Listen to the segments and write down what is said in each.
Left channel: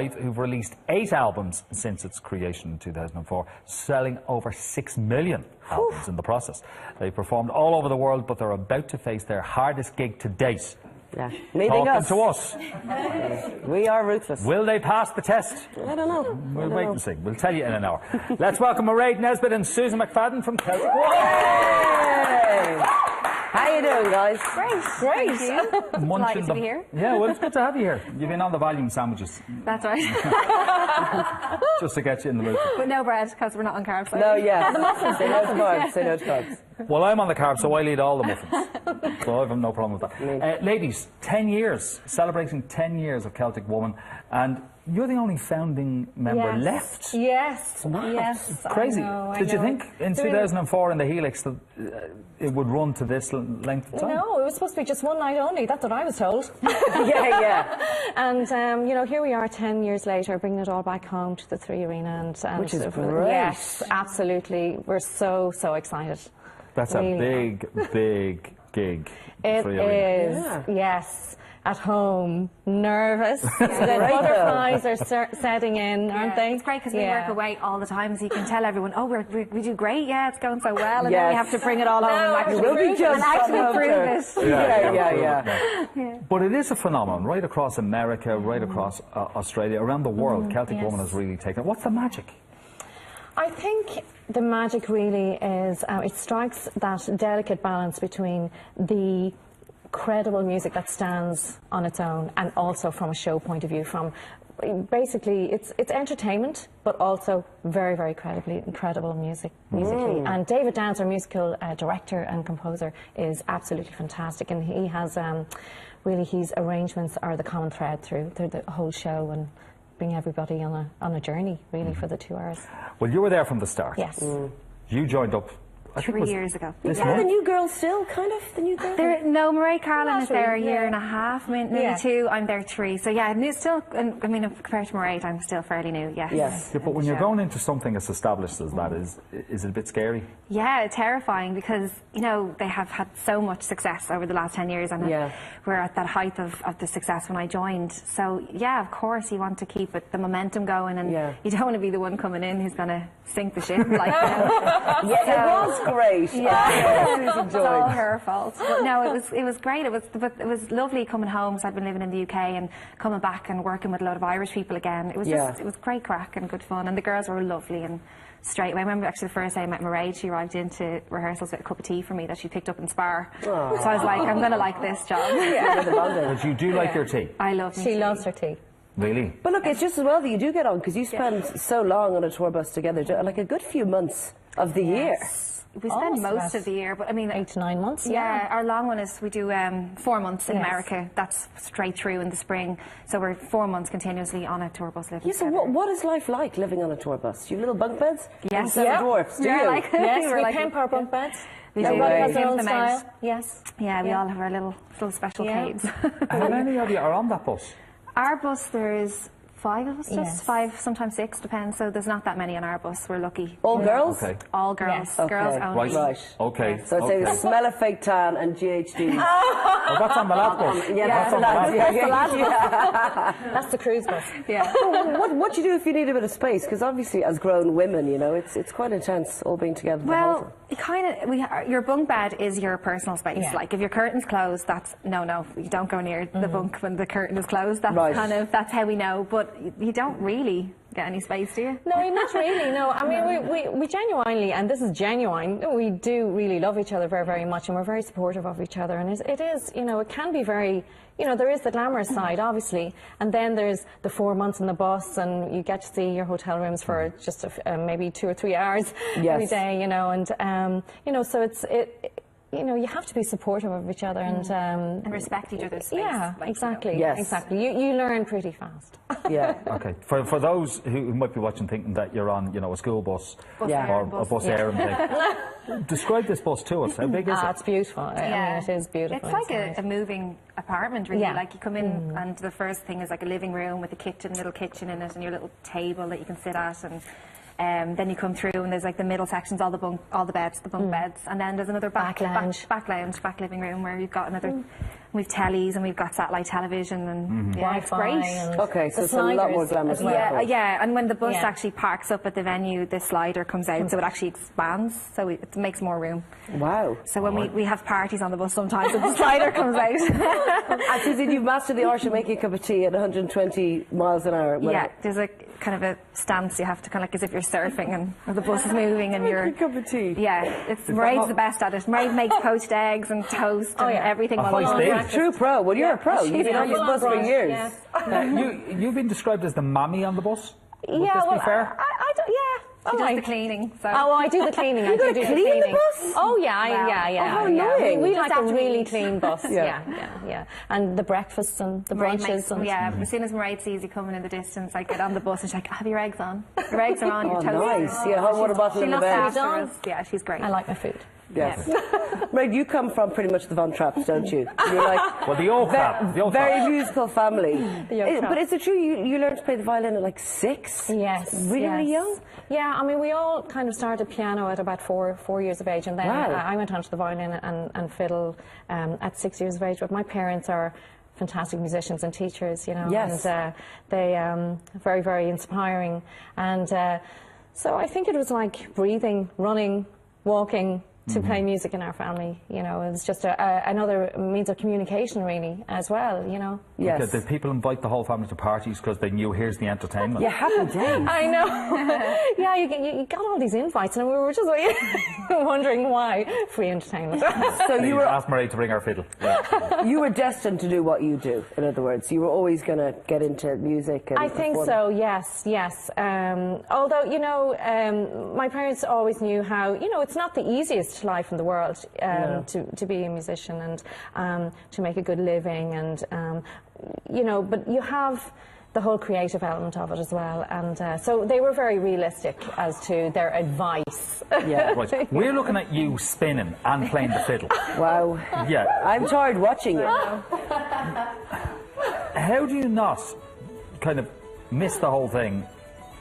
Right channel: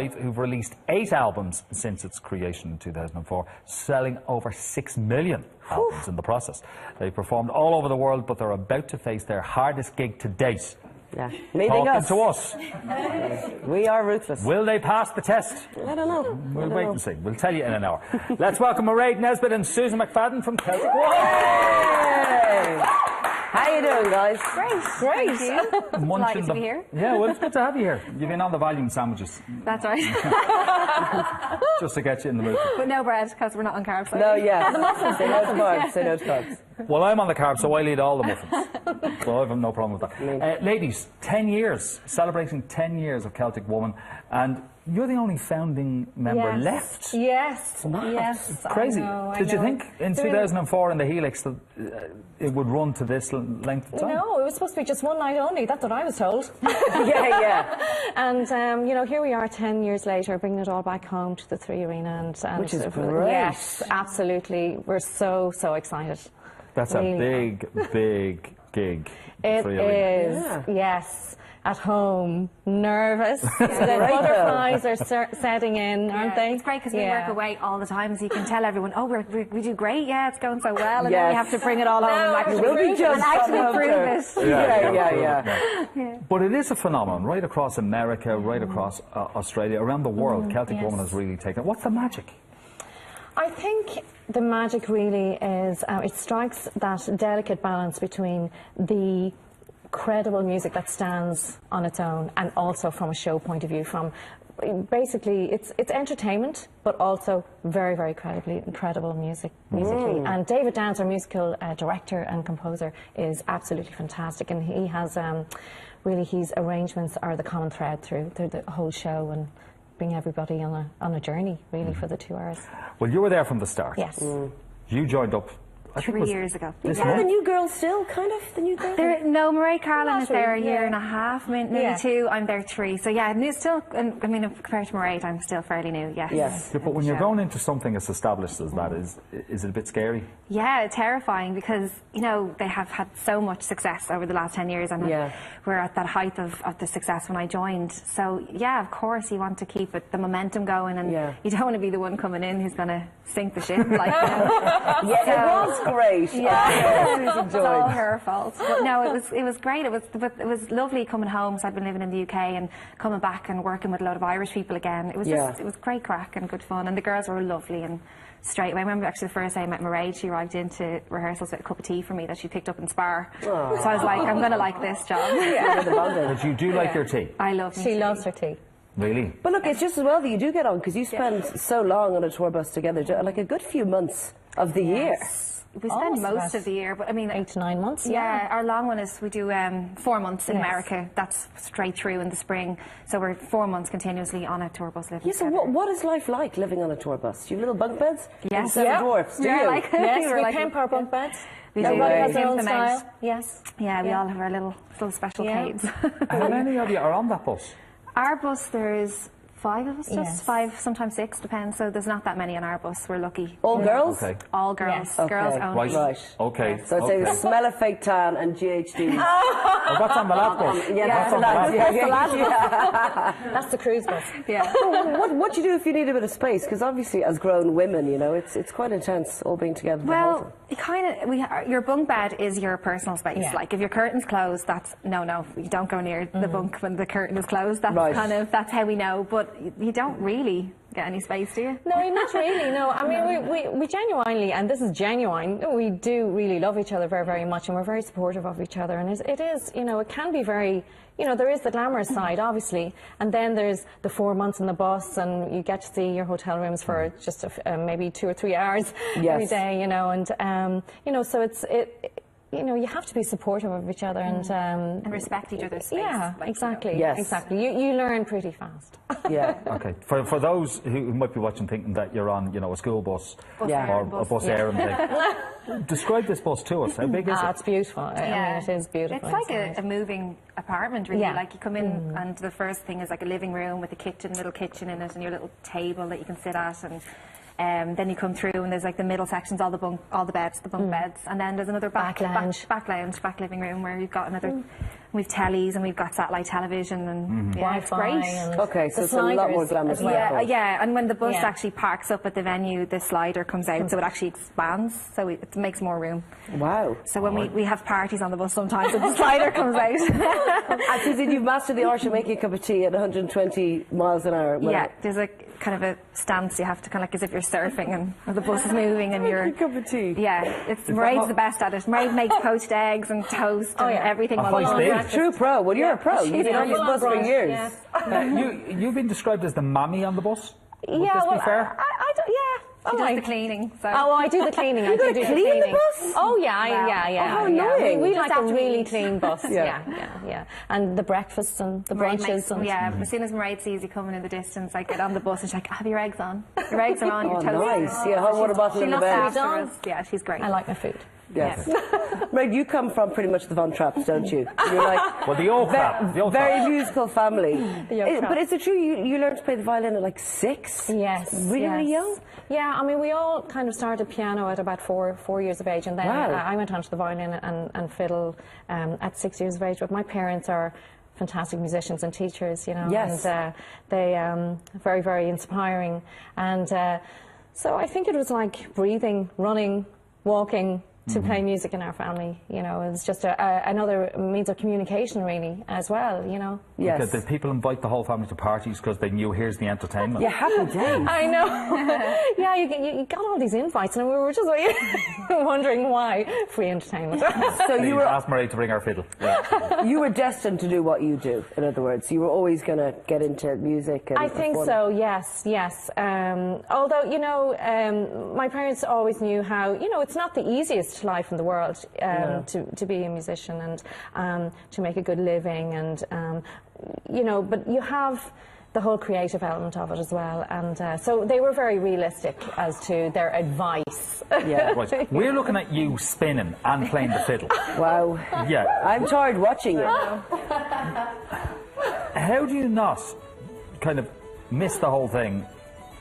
who've released 8 albums since its creation in 2004, selling over 6 million albums in the process. They performed all over the world, but they're about to face their hardest gig to date. Yeah. Talking to us. We are ruthless. Will they pass the test? I don't know. We'll wait and see. We'll tell you in an hour. Let's welcome Mairead Nesbitt and Susan McFadden from Celtic. How you doing, guys? Great. Delighted to be here. Yeah, well, it's good to have you here. You've been on the volume sandwiches. That's right. Just to get you in the mood. With no bread, because we're not on carbs. No, yeah. Say no to carbs. Say no to carbs. Well, I'm on the carbs, so I'll eat all the muffins. So I have no problem with that. Ladies, 10 years, celebrating 10 years of Celtic Woman, and you're the only founding member left. Yes. Wow. Yes. Crazy. Did you think in 2004 in the Helix that it would run to this length of time? No, it was supposed to be just one night only. That's what I was told. Yeah. And, you know, here we are 10 years later, bringing it all back home to the Three Arena. And which is great. Yes, absolutely. We're so excited. That's really a big gig. It is, yes. At home, nervous. The butterflies are setting in, aren't they? It's great because we work away all the time, so you can tell everyone, oh, we do great, yeah, it's going so well, and then we have to bring it all home and actually prove it. But it is a phenomenon right across America, right across Australia, around the world. Celtic Woman has really taken. What's the magic? I think the magic really is it strikes that delicate balance between the credible music that stands on its own and also from a show point of view, from basically it's entertainment but also very incredible music musically. And David Downs, our musical director and composer, is absolutely fantastic, and he has really his arrangements are the common thread through the whole show and bring everybody on a journey really for the 2 hours. Well, you were there from the start. Yes. You joined up 3 years ago. Is that the new girl still, kind of, the new girl? No, Mairead Carlin is there a year and a half, maybe 2. I'm there 3. So yeah, still, I mean, compared to Mairead, I'm still fairly new, yes. Yeah, but when you're going into something as established as that, is it a bit scary? Yeah, terrifying, because, you know, they have had so much success over the last 10 years, and we're at that height of the success when I joined. So yeah, of course you want to keep the momentum going, and you don't want to be the one coming in who's going to sink the ship. Like, it was great. Yeah, it was all her fault. But no, it was great. It was lovely coming home. So I've been living in the UK and coming back and working with a lot of Irish people again. It was just, it was great crack and good fun, and the girls were lovely. And straight away, I remember actually the first day I met Mairead, she arrived into rehearsals with a cup of tea for me that she picked up in Spar. So I was like, I'm going to like this job. But you do like your tea? I love She loves her tea. Really? But look, it's just as well that you do get on, because you spend so long on a tour bus together, like a good few months of the year. We spend most of the year, but I mean 8 to 9 months. Yeah, our long one is we do 4 months in America. That's straight through in the spring. So we're 4 months continuously on a tour bus living So together. what is life like living on a tour bus? Do you have little bunk beds? Yes. Seven dwarfs, do you? Yes, we pamper our bunk beds. We do. Them out. Yes. Yeah, we all have our little special caves. How many of you are on that bus? Our bus, there's 5 of us, just 5, sometimes 6, depends. So there's not that many on our bus. We're lucky. All girls? Okay. All girls. Okay. Girls only. Right. Okay. So I'd say the smell of fake tan and GHD. Well, what's on the lad bus? That's the lad. That's the cruise bus. Yeah. What do you do if you need a bit of space? Because obviously, as grown women, you know, it's quite intense all being together. Well, your bunk bed is your personal space. Like if your curtain's closed, that's no, you don't go near the bunk when the curtain is closed. That's that's how we know. But you don't really get any space, do you? No, not really. No, I mean we genuinely, and this is genuine. We do really love each other very much, and we're very supportive of each other. And it is, you know, it can be very. You know, there is the glamorous side, obviously, and then there's the 4 months in the bus, and you get to see your hotel rooms for just maybe 2 or 3 hours every day. You know, and you know, so you know, you have to be supportive of each other and respect each other's space. Yeah, exactly. Yes. Exactly. You learn pretty fast. Yeah. Okay. For those who might be watching thinking that you're on, you know, a school bus or a bus errand thing, describe this bus to us. How big is it? It's beautiful. I mean, it is beautiful. It's like a moving apartment, really. Like you come in and the first thing is like a living room with a kitchen, little kitchen in it, and your little table that you can sit at, and then you come through and there's like the middle sections, all the beds, the bunk beds, and then there's another back living room where you've got another we've tellies and we've got satellite television and yeah, it's great. Okay, so it's a lot more glamorous. Yeah, and when the bus actually parks up at the venue, the slider comes out, so it actually expands, so it makes more room. Wow. So when we have parties on the bus sometimes, and the slider comes out. Actually, you've mastered the art of making a cup of tea at 120 miles an hour. Yeah, there's a kind of a stance you have to kind of like as if you're surfing and the bus is moving and you're... a cup of tea. Yeah, Mairead's the best at it. Mairead makes poached eggs and toast and everything. True pro. Well, you're a pro. You've been on this bus for years. You've been described as the mammy on the bus. Would this be well, fair? I don't, She does the cleaning. So. Oh, well, I do the cleaning. You got to clean the bus? Oh, yeah. Oh, annoying. We like a really clean bus. Yeah. And the breakfasts and the brunches. As soon as Mairead sees you coming in the distance, I get on the bus and she's like, have your eggs on. Your eggs are on, your toast. Nice. Yeah, hot water bottle in the bed. Yeah, she's great. I like my food. Yes. Right, you come from pretty much the Von Trapps, don't you? You're like well, the old crap. Very musical family. But is it true you learned to play the violin at like 6? Yes. Really young? Yeah, I mean, we all kind of started piano at about four years of age, and then I went on to the violin and fiddle at 6 years of age. But my parents are fantastic musicians and teachers, you know, and they very, very inspiring. And so I think it was like breathing, running, walking, to play music in our family, you know, it's just another means of communication, really, as well, you know. Yes. Did people invite the whole family to parties because they knew here's the entertainment? Yeah, happy days. I know. Yeah, you got all these invites, and we were just like wondering why free entertainment. So you asked Mairead to bring her fiddle. Yeah. You were destined to do what you do. In other words, you were always going to get into music. And I think so. Yes. Although you know, my parents always knew how, you know, it's not the easiest life in the world to be a musician and to make a good living, and you know, but you have the whole creative element of it as well, and so they were very realistic as to their advice. Yeah, right. We're looking at you spinning and playing the fiddle. Wow. Yeah. I'm tired watching it. How do you not kind of miss the whole thing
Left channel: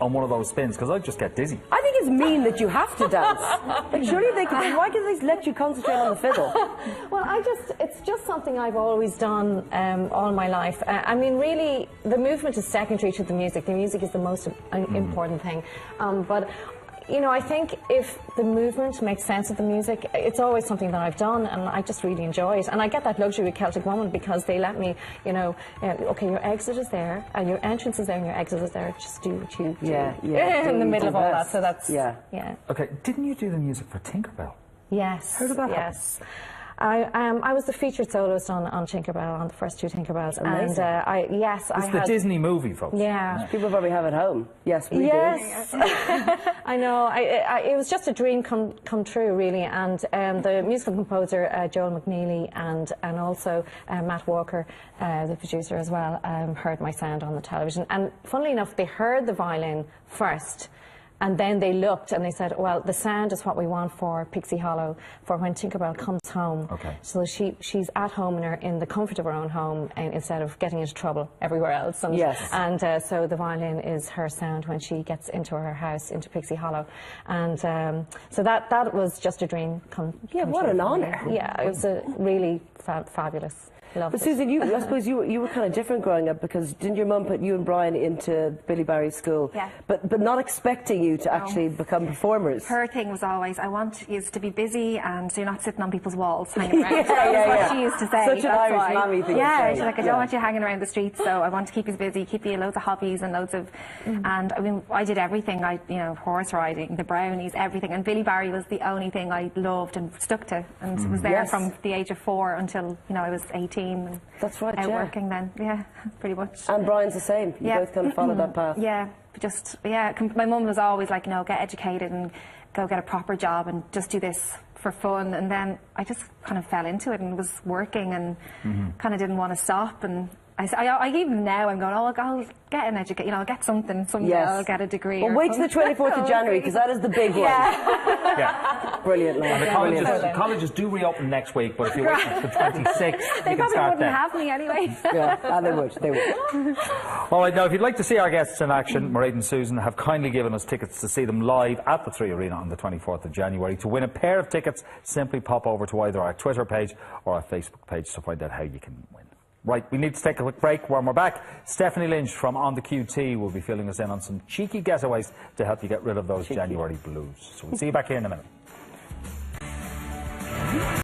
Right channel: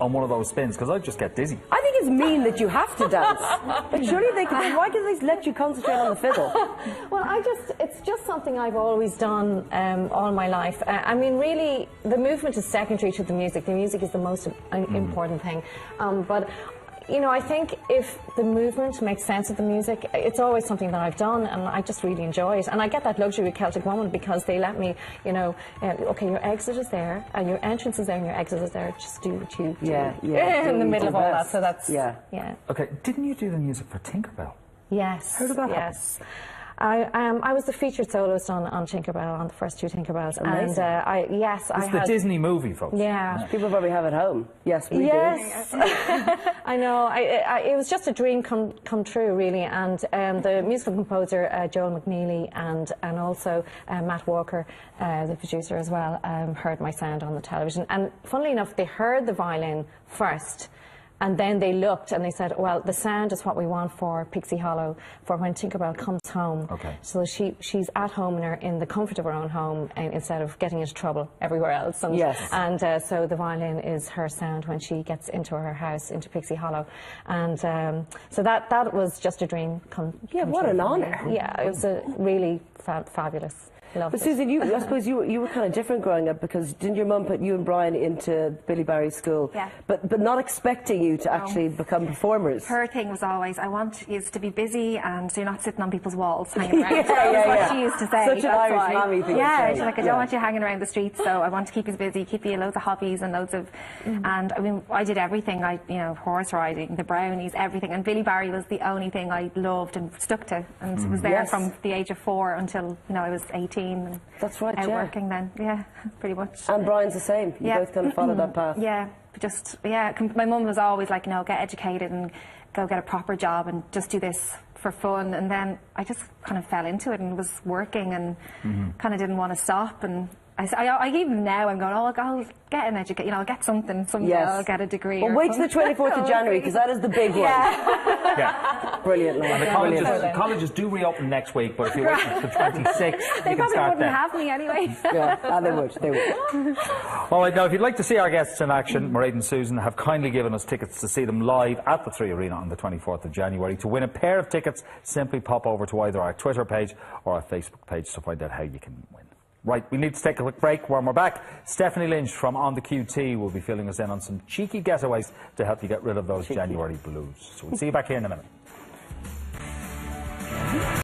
on one of those spins? Because I'd just get dizzy. I think it's mean that you have to dance. Like, surely why can they let you concentrate on the fiddle? Well, it's just something I've always done all my life. I mean, really, the movement is secondary to the music. The music is the most important thing. But you know, I think if the movement makes sense of the music, it's always something that I've done, and I just really enjoy it. And I get that luxury with Celtic Woman because they let me, you know, okay, your exit is there, and your entrance is there, and your exit is there. Just do what you do in the middle of all that. So that's yeah. Okay, didn't you do the music for Tinkerbell? Yes. How did that happen? Yes. I was the featured soloist on Tinkerbell, on the first 2 Tinkerbells. Amazing. And It's the Disney movie, folks. Yeah. People probably have it home. Yes, we do. I know. It was just a dream come true, really. And the musical composer, Joel McNeely, and also Matt Walker, the producer as well, heard my sound on the television. And funnily enough, they heard the violin first. And then they looked and they said, well, the sound is what we want for Pixie Hollow, for when Tinkerbell comes home. Okay. So she's at home in the comfort of her own home, instead of getting into trouble everywhere else. And, and so the violin is her sound when she gets into her house, into Pixie Hollow. And so that was just a dream come what true. an honour. Yeah, it was a really fabulous. But Susan, I suppose you were kind of different growing up, because didn't your mum put you and Brian into Billy Barry's school? Yeah. But not expecting you to actually become performers. Her thing was always, I want you to be busy and so you're not sitting on people's walls hanging around. Yeah. What she used to say. Such an Irish mammy thing to say. She's like, I don't want you hanging around the streets, so I want to keep you busy, keep you loads of hobbies and loads of... And I mean, I did everything. Horse riding, the brownies, everything. And Billy Barry was the only thing I loved and stuck to. And was there from the age of 4 until, I was 18. And that's right, out working then, pretty much. And Brian's the same. You both kind of followed that path. My mum was always like, get educated and go get a proper job and just do this for fun. And then I just kind of fell into it and was working and kind of didn't want to stop. And I even now I'm going, I'll get an education, I'll get something someday, I'll get a degree. Well, wait till the 24th of January, because that is the big one. Brilliant, the colleges do reopen next week, but if you wait until the 26th, they you can start then. They have me anyway. They would. All right, now if you'd like to see our guests in action, Mairead and Susan have kindly given us tickets to see them live at the 3 Arena on the 24th of January. To win a pair of tickets, simply pop over to either our Twitter page or our Facebook page to find out how you can Right, we need to take a quick break. When we're back, Stephanie Lynch from On the QT will be filling us in on some cheeky getaways to help you get rid of those January blues. So we'll see you back here in a minute.